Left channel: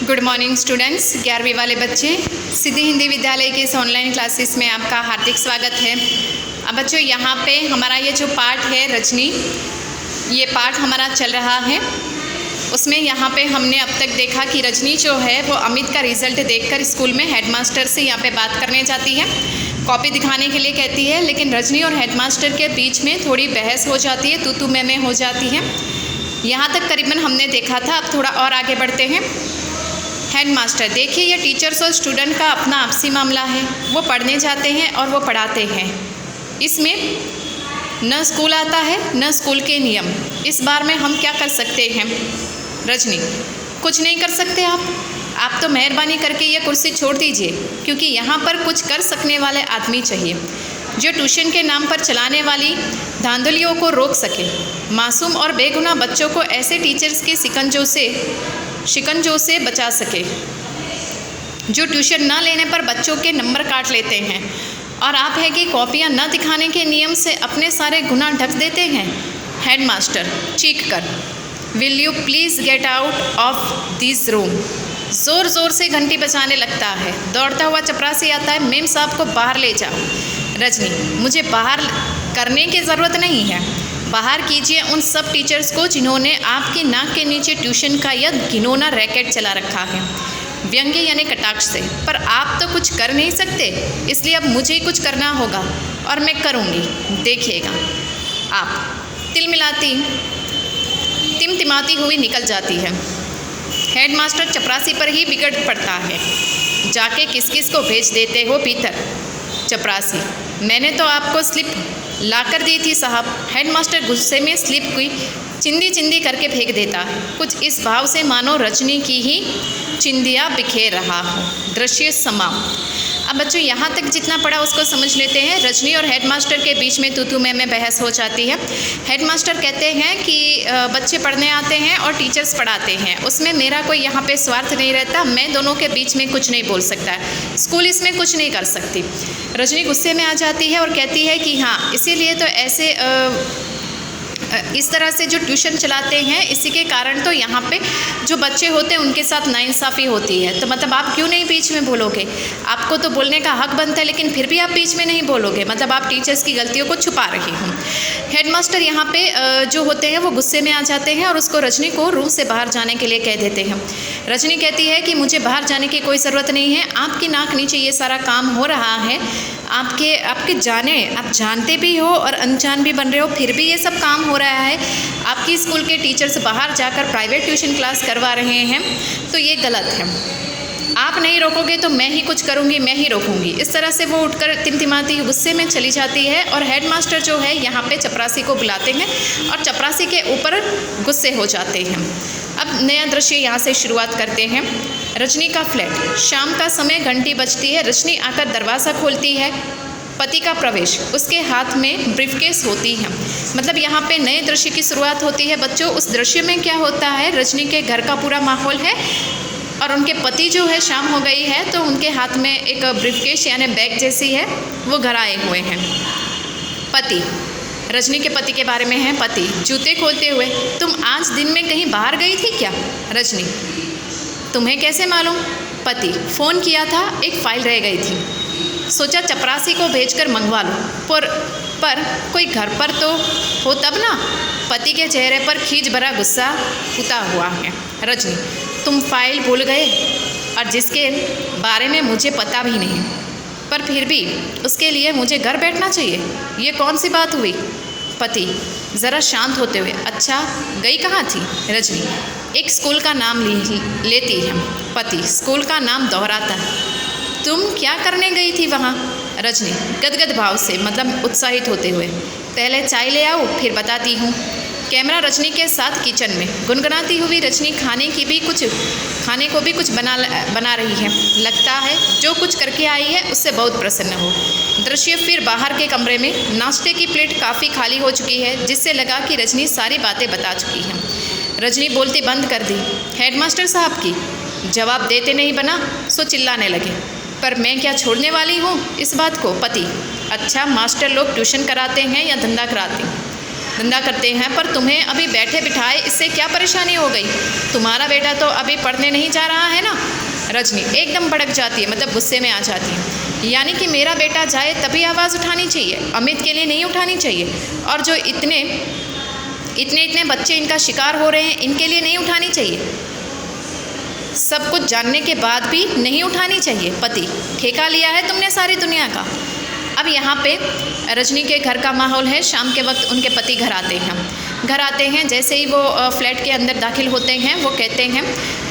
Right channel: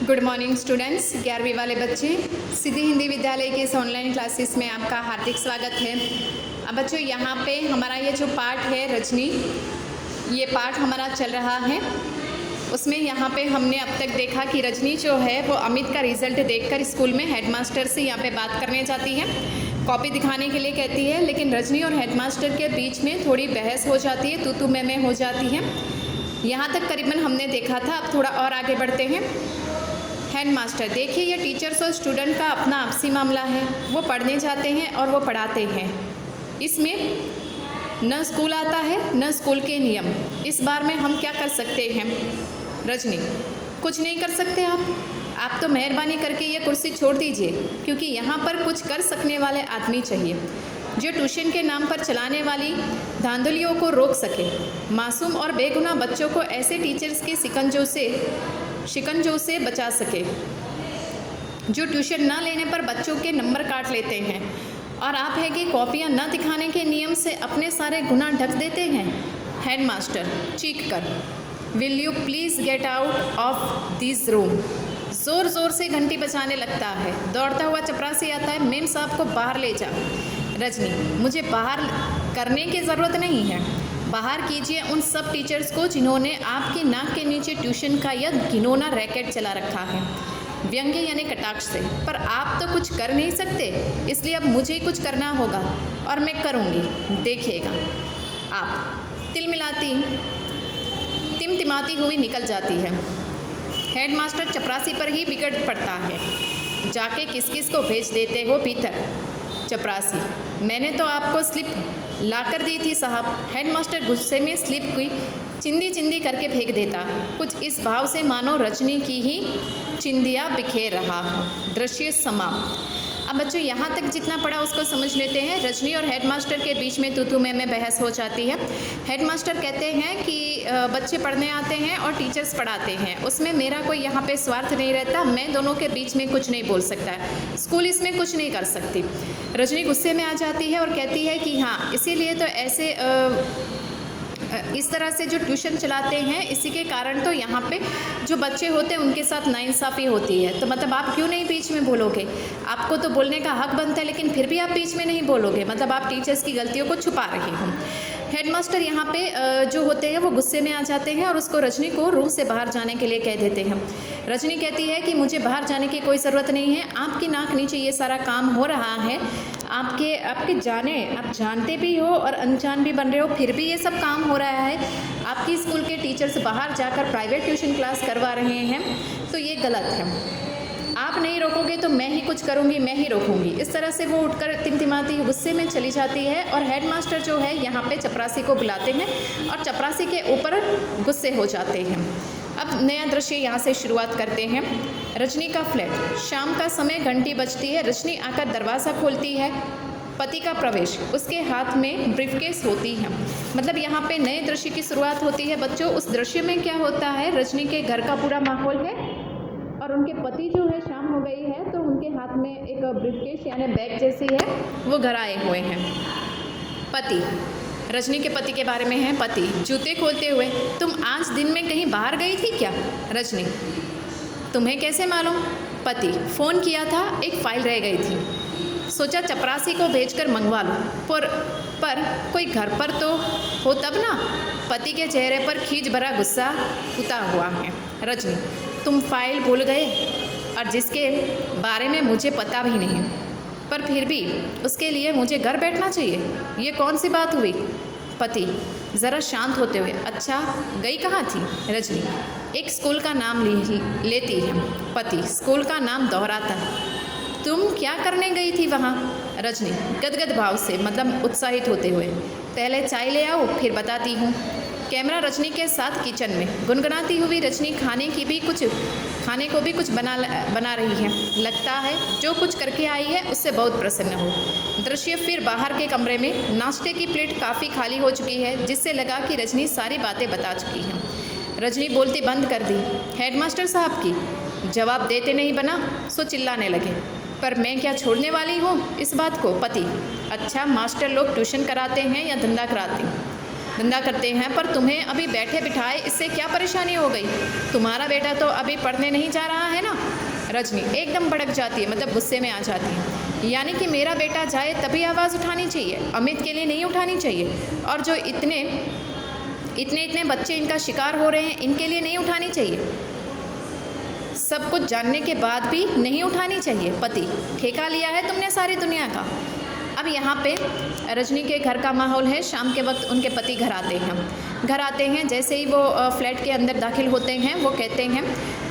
Good morning students, 11वीं वाले बच्चे, सिद्धि हिंदी विद्यालय के इस ऑनलाइन क्लासेस में आपका हार्दिक स्वागत है। अब बच्चों यहाँ पे हमारा ये जो पाठ है रजनी, ये पाठ हमारा चल रहा है। उसमें यहाँ पे हमने अब तक देखा कि रजनी जो है वो अमित का रिज़ल्ट देखकर स्कूल में हेडमास्टर से यहाँ पे बात करने जाती है, कॉपी दिखाने के लिए कहती है, लेकिन रजनी और हेडमास्टर के बीच में थोड़ी बहस हो जाती है, तू मैं हो जाती है। यहाँ तक करीबन हमने देखा था। अब थोड़ा और आगे बढ़ते हैं। हेडमास्टर, देखिए ये टीचर्स और स्टूडेंट का अपना आपसी मामला है, वो पढ़ने जाते हैं और वो पढ़ाते हैं, इसमें न स्कूल आता है न स्कूल के नियम। इस बार में हम क्या कर सकते हैं? रजनी, कुछ नहीं कर सकते आप तो मेहरबानी करके ये कुर्सी छोड़ दीजिए, क्योंकि यहाँ पर कुछ कर सकने वाले आदमी चाहिए जो ट्यूशन के नाम पर चलाने वाली धांधलियों को रोक सके, मासूम और बेगुनाह बच्चों को ऐसे टीचर्स के शिकंजों से बचा सके जो ट्यूशन न लेने पर बच्चों के नंबर काट लेते हैं। और आप है कि कॉपियाँ न दिखाने के नियम से अपने सारे गुनाह ढक देते हैं। हेडमास्टर चीख कर, will you please get out of this room. ज़ोर ज़ोर से घंटी बजाने लगता है। दौड़ता हुआ चपरासी आता है, मेम साहब को बाहर ले जाओ। रजनी, मुझे बाहर करने की ज़रूरत नहीं है, बाहर कीजिए उन सब टीचर्स को जिन्होंने आपकी नाक के नीचे ट्यूशन का यह घिनौना रैकेट चला रखा है, व्यंग्य यानी कटाक्ष से। पर आप तो कुछ कर नहीं सकते, इसलिए अब मुझे ही कुछ करना होगा और मैं करूँगी, देखिएगा आप। टिमटिमाती हुई निकल जाती है। हेडमास्टर चपरासी पर ही बिगड़ पड़ता है। जाके किस किस को भेज देते हो भीतर? चपरासी, मैंने तो आपको स्लिप लाकर दी थी साहब। हेडमास्टर गुस्से में स्लिप की चिंदी करके फेंक देता है, कुछ इस भाव से मानो रजनी की ही चिंदियाँ बिखेर रहा हो। दृश्य समाप्त। अब बच्चों यहाँ तक जितना पढ़ा उसको समझ लेते हैं। रजनी और हेडमास्टर के बीच में तू मैं बहस हो जाती है। हेडमास्टर कहते हैं कि बच्चे पढ़ने आते हैं और टीचर्स पढ़ाते हैं, उसमें मेरा कोई यहाँ पे स्वार्थ नहीं रहता, मैं दोनों के बीच में कुछ नहीं बोल सकता है, स्कूल इसमें कुछ नहीं कर सकती। रजनी गुस्से में आ जाती है और कहती है कि हाँ, इसीलिए तो ऐसे इस तरह से जो ट्यूशन चलाते हैं, इसी के कारण तो यहाँ पे जो बच्चे होते हैं उनके साथ नाइंसाफ़ी होती है। तो मतलब आप क्यों नहीं बीच में बोलोगे? आपको तो बोलने का हक बनता है, लेकिन फिर भी आप बीच में नहीं बोलोगे, मतलब आप टीचर्स की गलतियों को छुपा रहे हो। हेडमास्टर यहाँ पे जो होते हैं वो गुस्से में आ जाते हैं और उसको रजनी को रूम से बाहर जाने के लिए कह देते हैं। रजनी कहती है कि मुझे बाहर जाने की कोई ज़रूरत नहीं है, आपकी नाक नीचे ये सारा काम हो रहा है, आप जानते भी हो और अनजान भी बन रहे हो, फिर भी ये सब काम हो रहा है। आपकी स्कूल के टीचर्स बाहर जाकर प्राइवेट ट्यूशन क्लास करवा रहे हैं, तो ये गलत है। आप नहीं रोकोगे तो मैं ही कुछ करूँगी, मैं ही रोकूंगी। इस तरह से वो उठकर टिमटिमाती गुस्से में चली जाती है और हेडमास्टर जो है यहाँ पे चपरासी को बुलाते हैं और चपरासी के ऊपर गुस्से हो जाते हैं। अब नया दृश्य यहाँ से शुरुआत करते हैं। रजनी का फ्लैट, शाम का समय, घंटी बजती है। रजनी आकर दरवाज़ा खोलती है। पति का प्रवेश, उसके हाथ में ब्रीफकेस होती है। मतलब यहाँ पे नए दृश्य की शुरुआत होती है बच्चों। उस दृश्य में क्या होता है, रजनी के घर का पूरा माहौल है और उनके पति जो है, शाम हो गई है तो उनके हाथ में एक ब्रीफकेस यानी बैग जैसी है, वो घर आए हुए हैं। पति, रजनी के पति के बारे में है। पति जूते खोलते हुए, तुम आज दिन में कहीं बाहर गई थी क्या? रजनी, तुम्हें कैसे मालूम? पति, फ़ोन किया था, एक फ़ाइल रह गई थी, सोचा चपरासी को भेजकर मंगवा लो, पर कोई घर पर तो हो तब ना। पति के चेहरे पर खींच भरा गुस्सा उता हुआ है। रजनी, तुम फाइल भूल गए और जिसके बारे में मुझे पता भी नहीं, पर फिर भी उसके लिए मुझे घर बैठना चाहिए, ये कौन सी बात हुई? पति ज़रा शांत होते हुए, अच्छा गई कहाँ थी? रजनी, एक स्कूल का नाम लेती है। पति स्कूल का नाम दोहराता है, तुम क्या करने गई थी वहाँ? रजनी गदगद भाव से, मतलब उत्साहित होते हुए, पहले चाय ले आओ फिर बताती हूँ। कैमरा रजनी के साथ किचन में, गुनगुनाती हुई रजनी खाने को भी कुछ बना रही है। लगता है जो कुछ करके आई है उससे बहुत प्रसन्न हो। दृश्य फिर बाहर के कमरे में, नाश्ते की प्लेट काफ़ी खाली हो चुकी है, जिससे लगा कि रजनी सारी बातें बता चुकी है। रजनी बोलती बंद कर दी। हेडमास्टर साहब की जवाब देते नहीं बना, सो चिल्लाने लगे, पर मैं क्या छोड़ने वाली हूँ इस बात को? पति, अच्छा मास्टर लोग ट्यूशन कराते हैं या धंधा कराते हैं? धंधा करते हैं, पर तुम्हें अभी बैठे बिठाए इससे क्या परेशानी हो गई? तुम्हारा बेटा तो अभी पढ़ने नहीं जा रहा है ना। रजनी एकदम भड़क जाती है, मतलब गुस्से में आ जाती है। यानी कि मेरा बेटा जाए तभी आवाज़ उठानी चाहिए, अमित के लिए नहीं उठानी चाहिए। और जो इतने बच्चे इनका शिकार हो रहे हैं, इनके लिए नहीं उठानी चाहिए। सब कुछ जानने के बाद भी नहीं उठानी चाहिए। पति, ठेका लिया है तुमने सारी दुनिया का। अब यहाँ पे रजनी के घर का माहौल है, शाम के वक्त उनके पति घर आते हैं। जैसे ही वो फ्लैट के अंदर दाखिल होते हैं, वो कहते हैं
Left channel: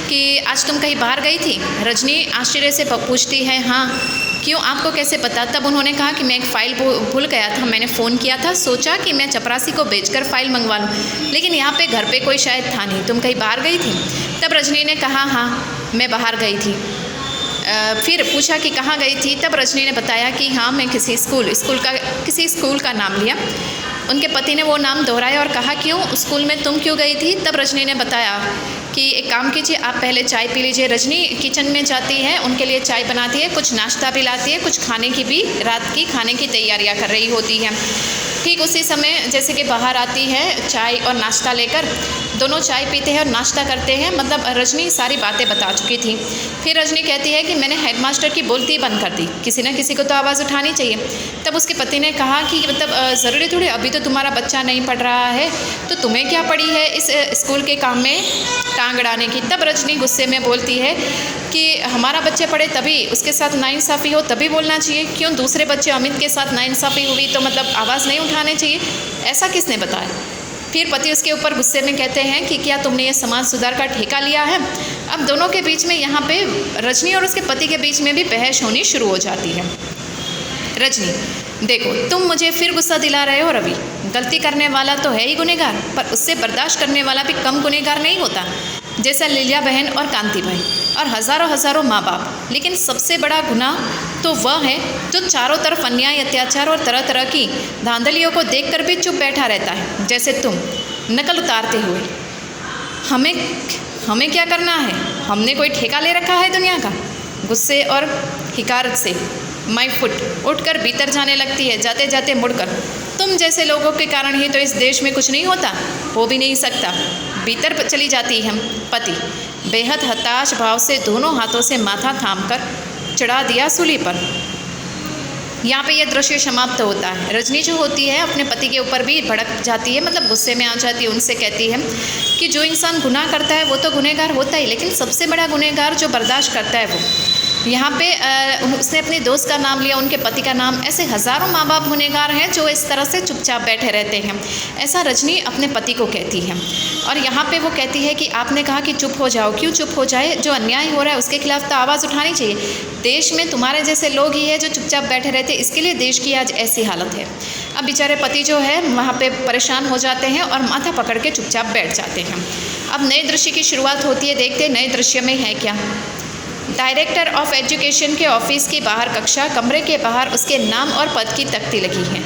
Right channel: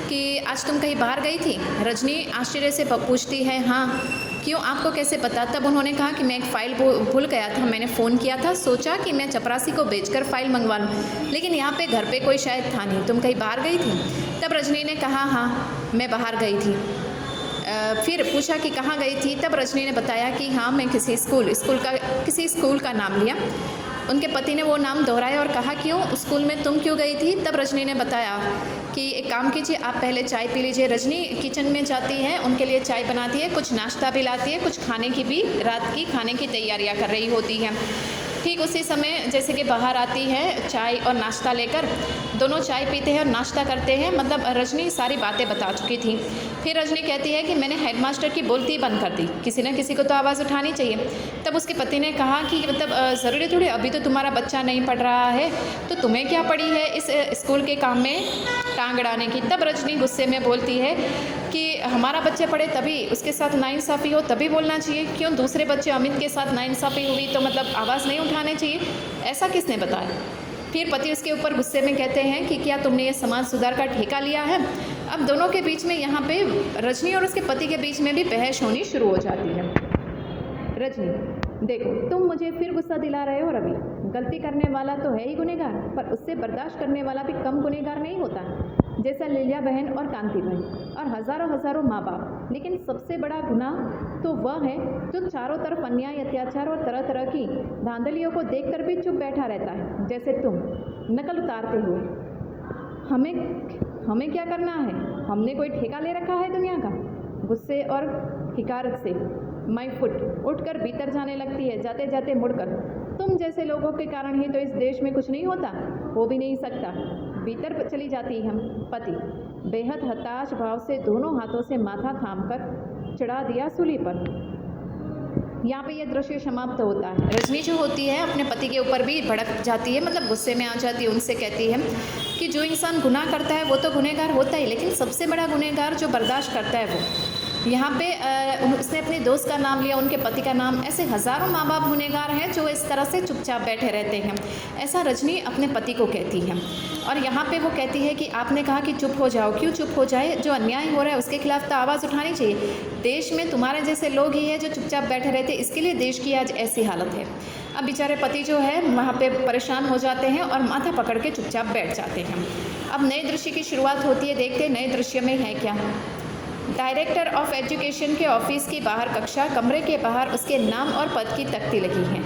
कि आज तुम कहीं बाहर गई थी? रजनी आश्चर्य से पूछती है, हाँ। क्यों, आपको कैसे पता? तब उन्होंने कहा कि मैं एक फ़ाइल भूल गया था, मैंने फ़ोन किया था, सोचा कि मैं चपरासी को बेचकर फ़ाइल मंगवा लूँ, लेकिन यहाँ पे घर पे कोई शायद था नहीं, तुम कहीं बाहर गई थी? तब रजनी ने कहा, हाँ मैं बाहर गई थी। फिर पूछा कि कहाँ गई थी? तब रजनी ने बताया कि हाँ मैं किसी स्कूल का नाम लिया। उनके पति ने वो नाम दोहराया और कहा, क्यों, स्कूल में तुम क्यों गई थी? तब रजनी ने बताया कि एक काम कीजिए, आप पहले चाय पी लीजिए। रजनी किचन में जाती है, उनके लिए चाय बनाती है, कुछ नाश्ता भी लाती है, कुछ खाने की भी, रात की खाने की तैयारियां कर रही होती है। ठीक उसी समय जैसे कि बाहर आती है चाय और नाश्ता लेकर, दोनों चाय पीते हैं और नाश्ता करते हैं। मतलब रजनी सारी बातें बता चुकी थी। फिर रजनी कहती है कि मैंने हेडमास्टर की बोलती बंद कर दी, किसी न किसी को तो आवाज़ उठानी चाहिए। तब उसके पति ने कहा कि मतलब ज़रूरी थोड़ी, अभी तो तुम्हारा बच्चा नहीं पढ़ रहा है, तो तुम्हें क्या पड़ी है इस स्कूल के काम में टांग अड़ाने की? तब रजनी गुस्से में बोलती है कि हमारा बच्चे पढ़े तभी उसके साथ नाइंसाफ़ी हो तभी बोलना चाहिए, क्यों दूसरे बच्चे अमित के साथ नाइंसाफ़ी हुई तो मतलब आवाज़ नहीं उठाने चाहिए, ऐसा किसने बताया? फिर पति उसके ऊपर गुस्से में कहते हैं कि क्या तुमने ये समाज सुधार का ठेका लिया है? अब दोनों के बीच में यहाँ पे रजनी और उसके पति के बीच में भी बहस होनी शुरू हो जाती है। रजनी, देखो तुम मुझे फिर गुस्सा दिला रहे हो रवि, गलती करने वाला तो है ही गुनहगार, पर उससे बर्दाश्त करने वाला भी कम गुनहगार नहीं होता, जैसा लीला बहन और कांति भाई और हज़ारों माँ बाप। लेकिन सबसे बड़ा गुनाह तो वह है जो चारों तरफ अन्याय, अत्याचार और तरह तरह की धांधलियों को देखकर भी चुप बैठा रहता है, जैसे तुम नकल उतारते हुए। हमें क्या करना है? हमने कोई ठेका ले रखा है दुनिया का? गुस्से और हिकारत से माई फुट उठकर भीतर जाने लगती है, जाते जाते मुड़कर, तुम जैसे लोगों के कारण ही तो इस देश में कुछ नहीं होता, हो भी नहीं सकता। भीतर चली जाती है। पति बेहद हताश भाव से दोनों हाथों से माथा थामकर चढ़ा दिया सूली पर। यहाँ पे यह दृश्य समाप्त होता है। रजनी जो होती है अपने पति के ऊपर भी भड़क जाती है, मतलब गुस्से में आ जाती है। उनसे कहती है कि जो इंसान गुनाह करता है वो तो गुनहगार होता ही, लेकिन सबसे बड़ा गुनहगार जो बर्दाश्त करता है वो। यहाँ पे उसने अपने दोस्त का नाम लिया, उनके पति का नाम। ऐसे हज़ारों माँ बाप गुनहगार हैं जो इस तरह से चुपचाप बैठे रहते हैं, ऐसा रजनी अपने पति को कहती है। और यहाँ पे वो कहती है कि आपने कहा कि चुप हो जाओ, क्यों चुप हो जाए? जो अन्याय हो रहा है उसके खिलाफ तो आवाज़ उठानी चाहिए। देश में तुम्हारे जैसे लोग ही हैं जो चुपचाप बैठे रहते, इसके लिए देश की आज ऐसी हालत है। अब बेचारे पति जो है वहाँ पे परेशान हो जाते हैं और माथा पकड़ के चुपचाप बैठ जाते हैं। अब नए दृश्य की शुरुआत होती है। देखते नए दृश्य में है क्या। डायरेक्टर ऑफ एजुकेशन के ऑफिस के बाहर कक्षा, कमरे के बाहर उसके नाम और पद की तख्ती लगी है,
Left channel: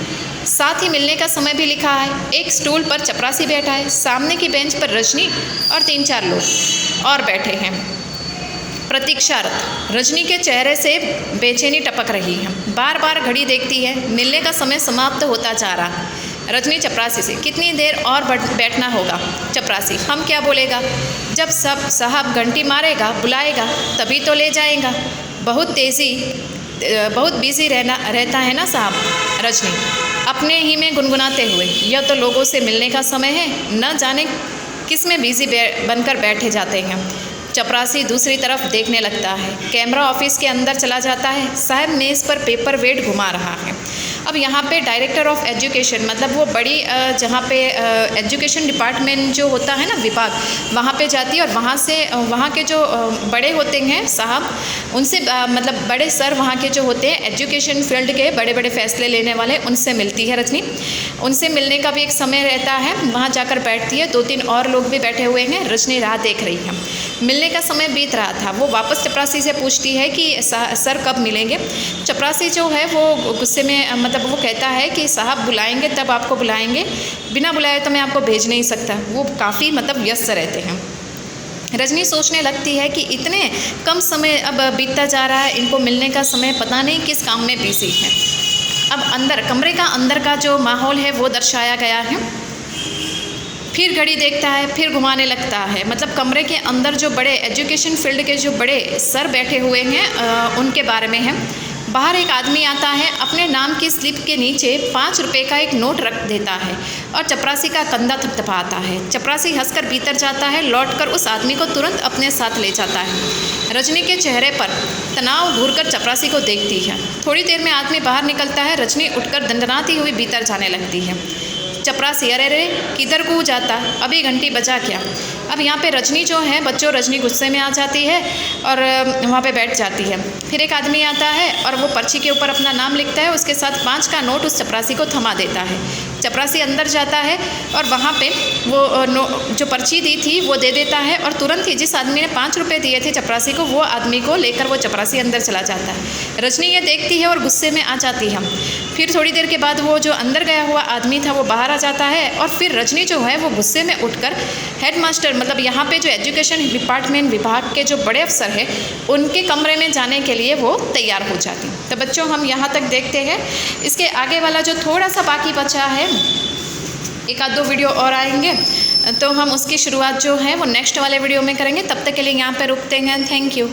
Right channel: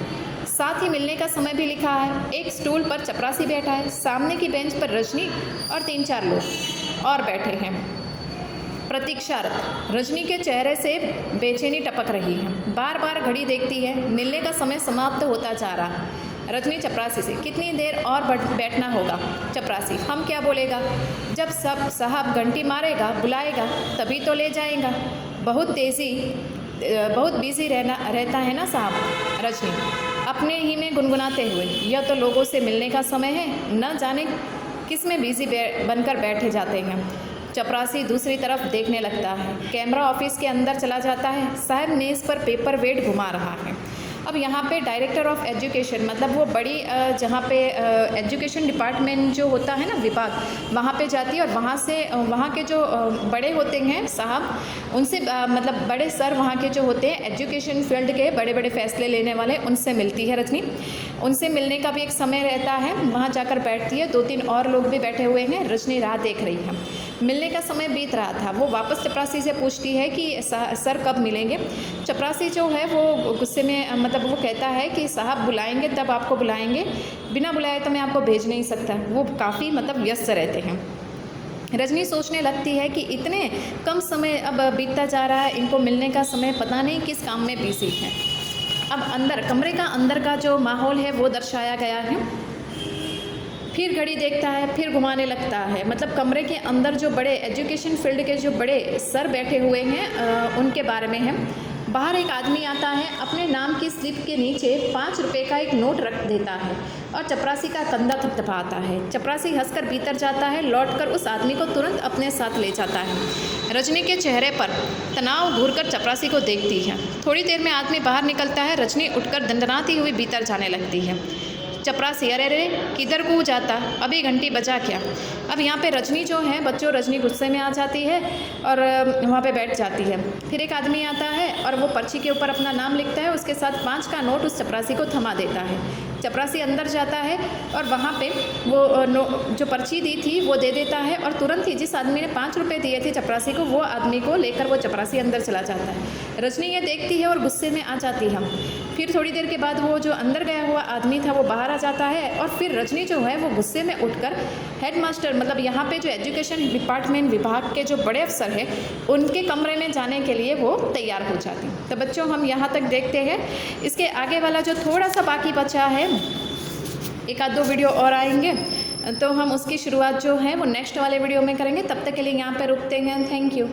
साथ ही मिलने का समय भी लिखा है। एक स्टूल पर चपरासी बैठा है, सामने की बेंच पर रजनी और 3-4 लोग और बैठे हैं प्रतीक्षारत। रजनी के चेहरे से बेचैनी टपक रही है, बार बार घड़ी देखती है। मिलने का समय समाप्त होता जा रहा है। रजनी चपरासी से, कितनी देर और बैठना होगा? चपरासी, हम क्या बोलेगा? जब सब साहब घंटी मारेगा, बुलाएगा तभी तो ले जाएगा। बहुत बिजी रहता है ना साहब। रजनी अपने ही में गुनगुनाते हुए, यह तो लोगों से मिलने का समय है, न जाने किस में बिजी बनकर बैठे जाते हैं। चपरासी दूसरी तरफ देखने लगता है। कैमरा ऑफिस के अंदर चला जाता है। साहब मेज़ पर पेपर वेट घुमा रहा है। अब यहाँ पे डायरेक्टर ऑफ एजुकेशन, मतलब वो बड़ी जहाँ पे एजुकेशन डिपार्टमेंट जो होता है ना, विभाग, वहाँ पे जाती है और वहाँ से वहाँ के जो बड़े होते हैं साहब, उनसे मतलब बड़े सर वहाँ के जो होते हैं एजुकेशन फील्ड के बड़े बड़े फैसले लेने वाले, उनसे मिलती है रजनी। उनसे मिलने का भी एक समय रहता है, वहाँ जाकर बैठती है। 2-3 और लोग भी बैठे हुए हैं। रजनी राह देख रही है। मिलने का समय बीत रहा था। वो वापस चपरासी से पूछती है कि सर कब मिलेंगे? चपरासी जो है वो गुस्से में, मतलब वो कहता है कि साहब बुलाएंगे तब आपको बुलाएंगे, बिना बुलाए तो मैं आपको भेज नहीं सकता। वो काफ़ी मतलब व्यस्त रहते हैं। रजनी सोचने लगती है कि इतने कम समय अब बीतता जा रहा है, इनको मिलने का समय पता नहीं किस काम में बिजी है। अब अंदर कमरे का अंदर का जो माहौल है वो दर्शाया गया है। फिर घड़ी देखता है, फिर घुमाने लगता है। मतलब कमरे के अंदर जो बड़े एजुकेशन फील्ड के जो बड़े सर बैठे हुए हैं उनके बारे में है। बाहर एक आदमी आता है, अपने नाम की स्लिप के नीचे 5 रुपये का एक नोट रख देता है और चपरासी का कंधा थपथपाता है। चपरासी हंसकर भीतर जाता है, लौटकर उस आदमी को तुरंत अपने साथ ले जाता है। रजनी के चेहरे पर तनाव घूरकर चपरासी को देखती है। थोड़ी देर में आदमी बाहर निकलता है। रजनी उठकर दंडनाती हुई भीतर जाने लगती है। चपरासी, अरे रे किधर को जाता, अभी घंटी बजा क्या। अब यहाँ पे रजनी जो है, बच्चों रजनी गुस्से में आ जाती है और वहाँ पे बैठ जाती है। फिर एक आदमी आता है और वो पर्ची के ऊपर अपना नाम लिखता है, उसके साथ 5 का नोट उस चपरासी को थमा देता है। चपरासी अंदर जाता है और वहाँ पे वो जो पर्ची दी थी वो दे देता है और तुरंत ही जिस आदमी ने 5 रुपये दिए थे चपरासी को, वो आदमी को लेकर वो चपरासी अंदर चला जाता है। रजनी ये देखती है और गुस्से में आ जाती है। फिर थोड़ी देर के बाद वो जो अंदर गया हुआ आदमी था वो बाहर आ जाता है और फिर रजनी जो है वो गुस्से में उठकर हेडमास्टर, मतलब यहाँ पे जो एजुकेशन डिपार्टमेंट विभाग के जो बड़े अफसर हैं उनके कमरे में जाने के लिए वो तैयार हो जाती। तो बच्चों हम यहाँ तक देखते हैं। इसके आगे वाला जो थोड़ा सा बाकी बचा है, 1-2 वीडियो और आएंगे तो हम उसकी शुरुआत जो है वो नेक्स्ट वाले वीडियो में करेंगे। तब तक के लिए यहाँ पे रुकते हैं। Thank you.